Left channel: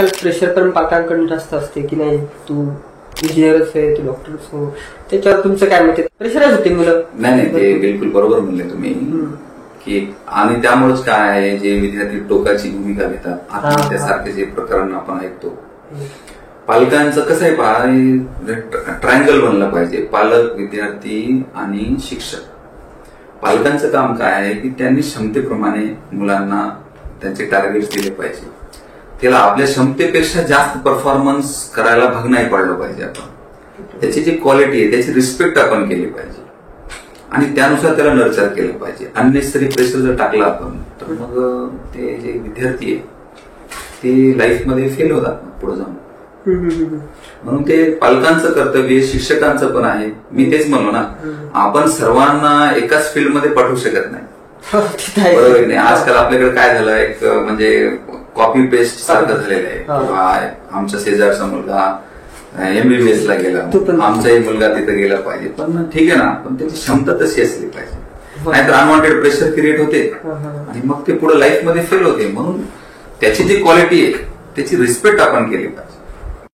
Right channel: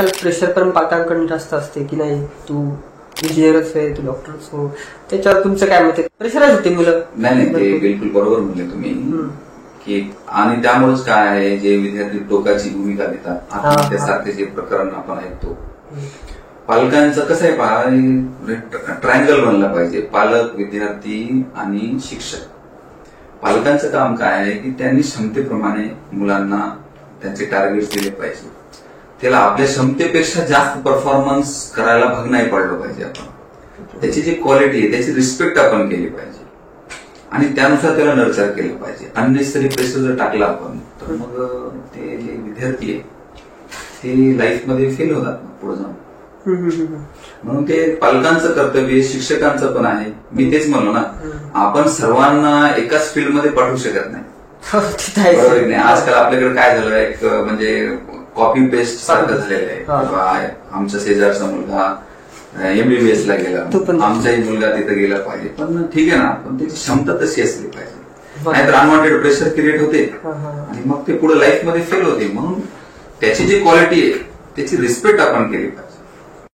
Pressure पण पालकांकडून जास्त असते की नाही, तू इंजिनियरच आहे, तू डॉक्टरच हो, त्याच्यावर तुमचं काय मत आहे? प्रेशरच होते मुलं. नाही, ते बिलकुल बरोबर म्हणले तुम्ही की, आणि त्यामुळेच काय आहे, जे विद्यार्थी टोकाची भूमिका घेतात, आत्महत्येसारखे जे प्रकरण आपण ऐकतो, पालकांचं कसं आहे, ट्रायंगल बनलं पाहिजे, पालक, विद्यार्थी आणि शिक्षक. पालकांचं काम काय आहे की त्यांनी क्षमतेप्रमाणे मुलांना त्यांचे टार्गेट्स दिले पाहिजे. त्याला आपल्या क्षमतेपेक्षा जास्त परफॉर्मन्स करायला भाग नाही पाडलं पाहिजे. आपण त्याची जी क्वालिटी आहे त्याची रिस्पेक्ट आपण केली पाहिजे आणि त्यानुसार त्याला नर्चर केलं पाहिजे. अननेसरी प्रेशर जर टाकला आपण तर मग ते जे विद्यार्थी आहे ते लाईफमध्ये फेल होतात पुढे जाऊन. म्हणून ते पालकांचं कर्तव्य, शिक्षकांचं पण आहे. मी तेच म्हणलो ना, आपण सर्वांना एकाच फील्डमध्ये पाठवू शकत नाही, बरोबर नाही. आजकाल आपल्याकडे काय झालं, एक म्हणजे कॉपी पेस्ट सारखं झालेलं आहे. आमच्या शेजारचा मुलगा MBBS ला गेला, आमचाही मुलगा तिथे गेला पाहिजे. पण ठीक आहे ना, पण त्याची क्षमता तशी असली पाहिजे, नाहीतर अनवॉन्टेड प्रेशर क्रिएट होते आणि मग ते पुढे लाईफमध्ये फेल होते. म्हणून त्याची जी क्वालिटी आहे त्याची रिस्पेक्ट आपण केली पाहिजे.